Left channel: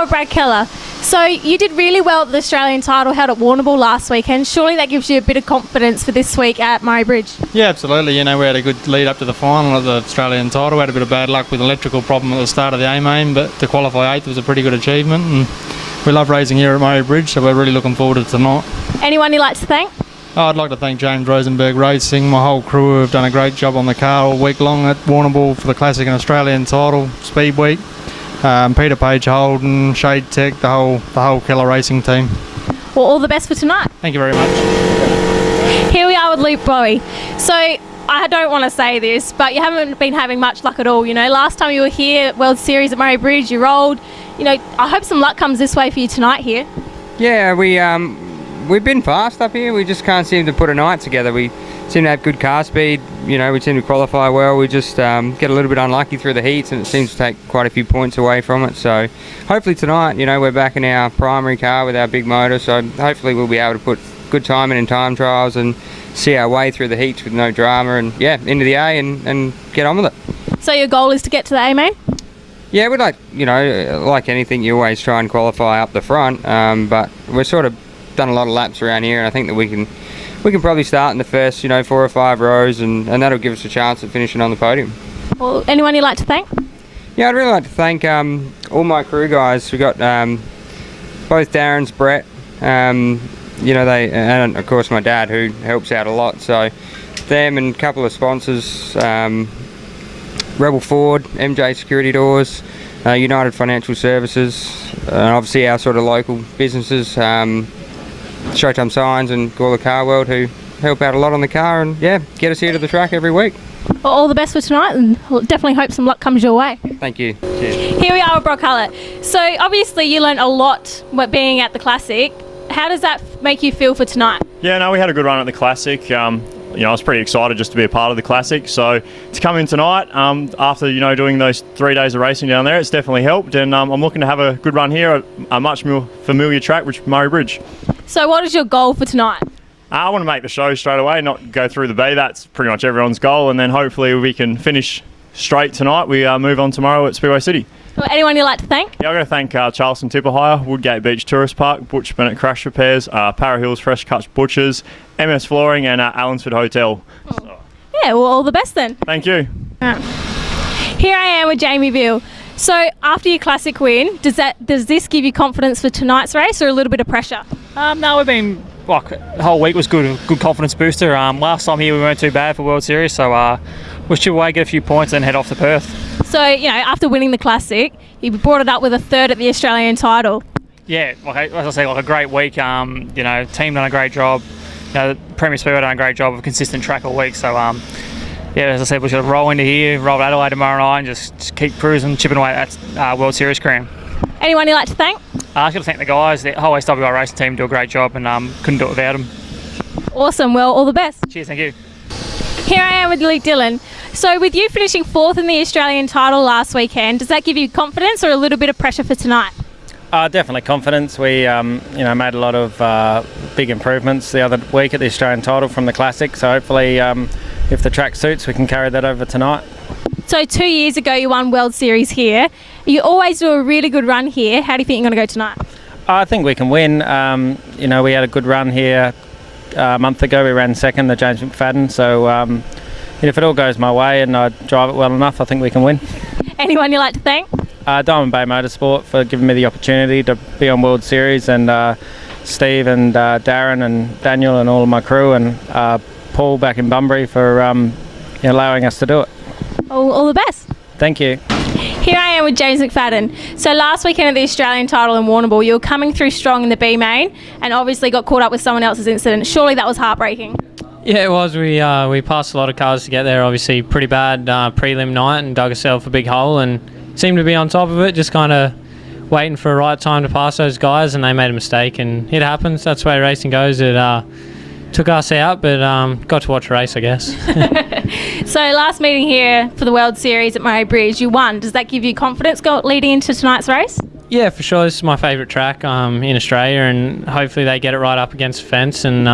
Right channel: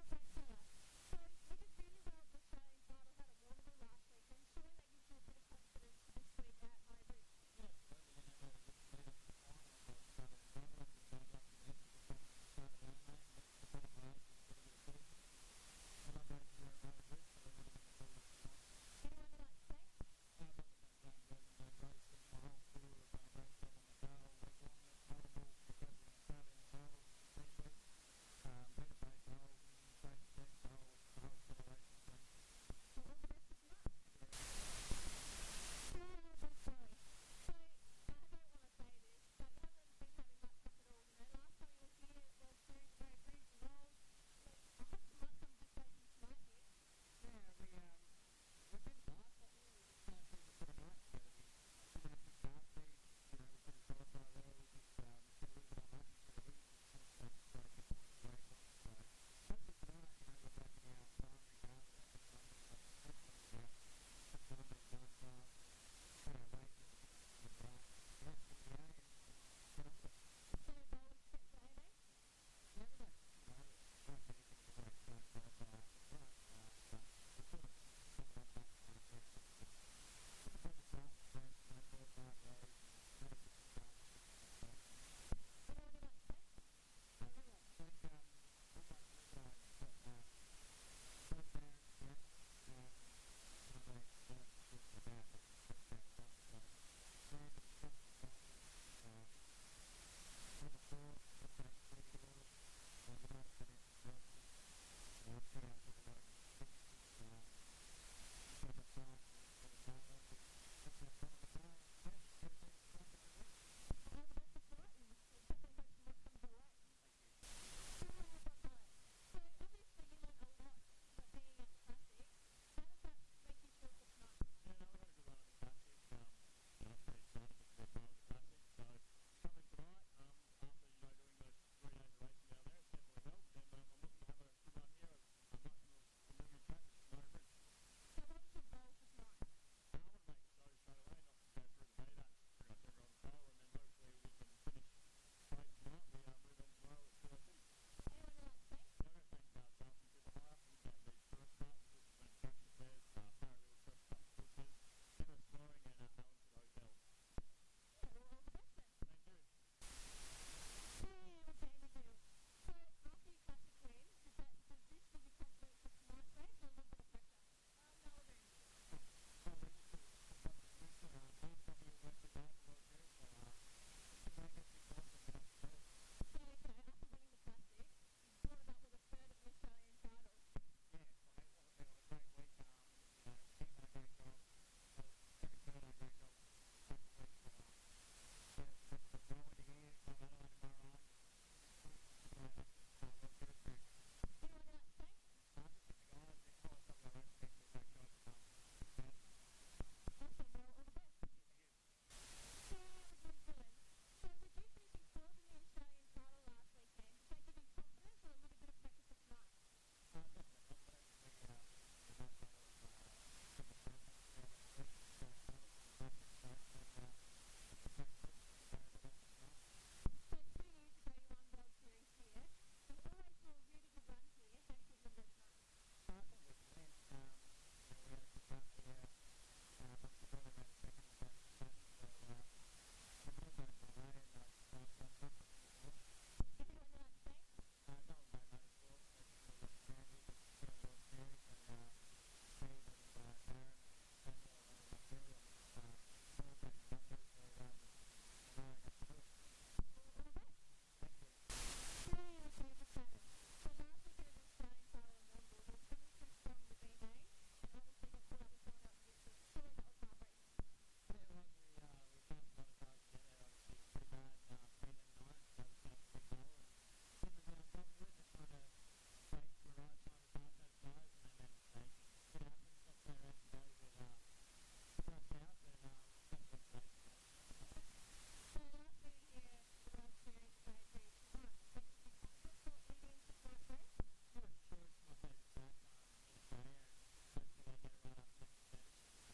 are with Brad Keller. So you did really well at the Australian title held at Warrnambool last weekend. Surely that gives you a bit of confidence for this week at Murray Bridge. Yeah, absolutely. You know, we had a good lead up to the final of the Australian title. We had a bit of bad luck with an electrical problem at the start of the A-main, but to qualify 8th was a pretty good achievement. And we love racing here at Murray Bridge, so we're really looking forward to tonight. Anyone you'd like to thank? Oh, I'd like to thank James Rosenberg Racing, my whole crew who have done a great job on the car all week long at Warrnambool for the Classic and Australian title, Speed Week. Peter Page Holden, Shade Tech, the whole Keller Racing team. Well, all the best for tonight. Thank you very much. Here we are with Luke Bowie. So I don't want to say this, but you haven't been having much luck at all. You know, last time you were here at World Series at Murray Bridge, you rolled. You know, I hope some luck comes this way for you tonight here. Yeah, we've been fast up here. We just can't seem to put a night together. We seem to have good car speed. You know, we seem to qualify well. We just get a little bit unlucky through the heats, and it seems to take quite a few points away from it. So hopefully tonight, you know, we're back in our primary car with our big motor. So hopefully we'll be able to put good timing in time trials and see our way through the heats with no drama, and yeah, into the A and get on with it. So your goal is to get to the A-main? Yeah, we'd like, you know, like anything, you always try and qualify up the front. But we're sort of done a lot of laps around here, and I think that we can probably start in the first, you know, 4 or 5 rows, and that'll give us a chance at finishing on the podium. Well, anyone you'd like to thank? Yeah, I'd really like to thank all my crew guys. We got both Darren's, Brett, you know, and of course my dad, who helps out a lot. So them and a couple of sponsors, Rebel Ford, MJ Security Doors, United Financial Services, and obviously our sort of local businesses, Showtime Signs and Gawler Car World, who help out a lot on the car and yeah, get us here to the track every week. Well, all the best for tonight, and we'll definitely hope some luck comes your way. Thank you. Cheers. Here we are with Brock Hullett. So obviously you learnt a lot being at the Classic. How does that make you feel for tonight? Yeah, no, we had a good run at the Classic. You know, I was pretty excited just to be a part of the Classic. So to come in tonight, after, you know, doing those 3 days of racing down there, it's definitely helped. And I'm looking to have a good run here at a much more familiar track, which is Murray Bridge. So what is your goal for tonight? I want to make the show straight away, not go through the bay. That's pretty much everyone's goal. And then hopefully we can finish straight tonight. We move on tomorrow at Speedway City. Well, anyone you'd like to thank? Yeah, I'm going to thank Charleston Tipper Hire, Woodgate Beach Tourist Park, Butch Bennett Crash Repairs, Para Hills Fresh Cuts Butchers, MS Flooring, and Allensford Hotel. So. Yeah, well, all the best then. Thank you. Here I am with Jamie Veal. So after your Classic win, does this give you confidence for tonight's race, or a little bit of pressure? No, we've been, like, the whole week was good confidence booster. Last time here we weren't too bad for World Series, so we'll chip away, get a few points, and head off to Perth. So, you know, after winning the Classic, you brought it up with a third at the Australian title. Yeah, like, as I say, like a great week. You know, team done a great job. You know, Premier Speedway done a great job of a consistent track all week. So, yeah, as I said, we should roll into here, roll to Adelaide tomorrow night, and just keep cruising, chipping away at that World Series crown. Anyone you'd like to thank? I just got to thank the guys. The whole SWI racing team do a great job, and couldn't do it without them. Awesome. Well, all the best. Cheers, thank you. Here I am with Luke Dillon. So with you finishing 4th in the Australian title last weekend, does that give you confidence or a little bit of pressure for tonight? Definitely confidence. We you know, made a lot of big improvements the other week at the Australian title from the Classic, so hopefully if the track suits we can carry that over tonight. So 2 years ago you won World Series here. You always do a really good run here. How do you think you're going to go tonight? I think we can win. You know, we had a good run here a month ago. We ran second, the James McFadden, so if it all goes my way and I drive it well enough, I think we can win. Anyone you'd like to thank? Diamond Bay Motorsport for giving me the opportunity to be on World Series, and Steve and Darren and Daniel and all of my crew, and Paul back in Bunbury for allowing us to do it. All the best. Thank you. Here I am with James McFadden. So last weekend at the Australian title in Warrnambool, you were coming through strong in the B main and obviously got caught up with someone else's incident. Surely that was heartbreaking. Yeah, it was. We passed a lot of cars to get there. Obviously, pretty bad prelim night, and dug ourselves a big hole and seemed to be on top of it, just kind of waiting for a right time to pass those guys, and they made a mistake, and it happens. That's the way racing goes. It took us out, but got to watch a race, I guess. So last meeting here for the World Series at Murray Bridge, you won. Does that give you confidence leading into tonight's race? Yeah, for sure. This is my favourite track in Australia, and hopefully they get it right up against the fence. And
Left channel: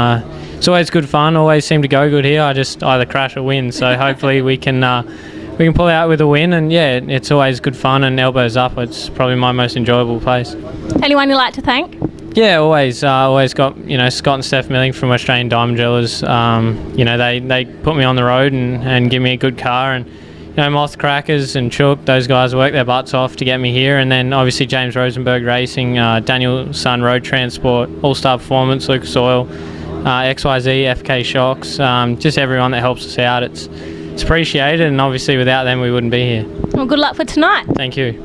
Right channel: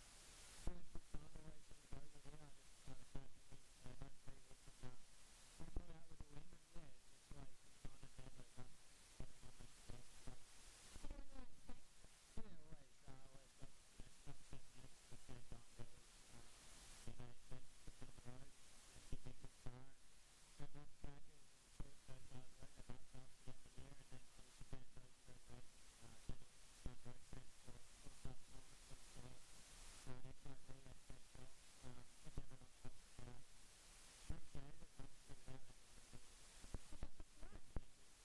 it's always good fun. Always seem to go good here. I just either crash or win. So hopefully we can we can pull out with a win. And yeah, it's always good fun and elbows up. It's probably my most enjoyable place. Anyone you'd like to thank? Yeah, always got Scott and Steph Milling from Australian Diamond Jewelers. They put me on the road and give me a good car, and Moth Crackers and Chook, those guys worked their butts off to get me here, and then obviously James Rosenberg Racing, Daniel Sun Road Transport, All Star Performance, Lucas Oil, XYZ, FK Shocks, just everyone that helps us out. It's appreciated, and obviously without them we wouldn't be here. Well, good luck for tonight. Thank you.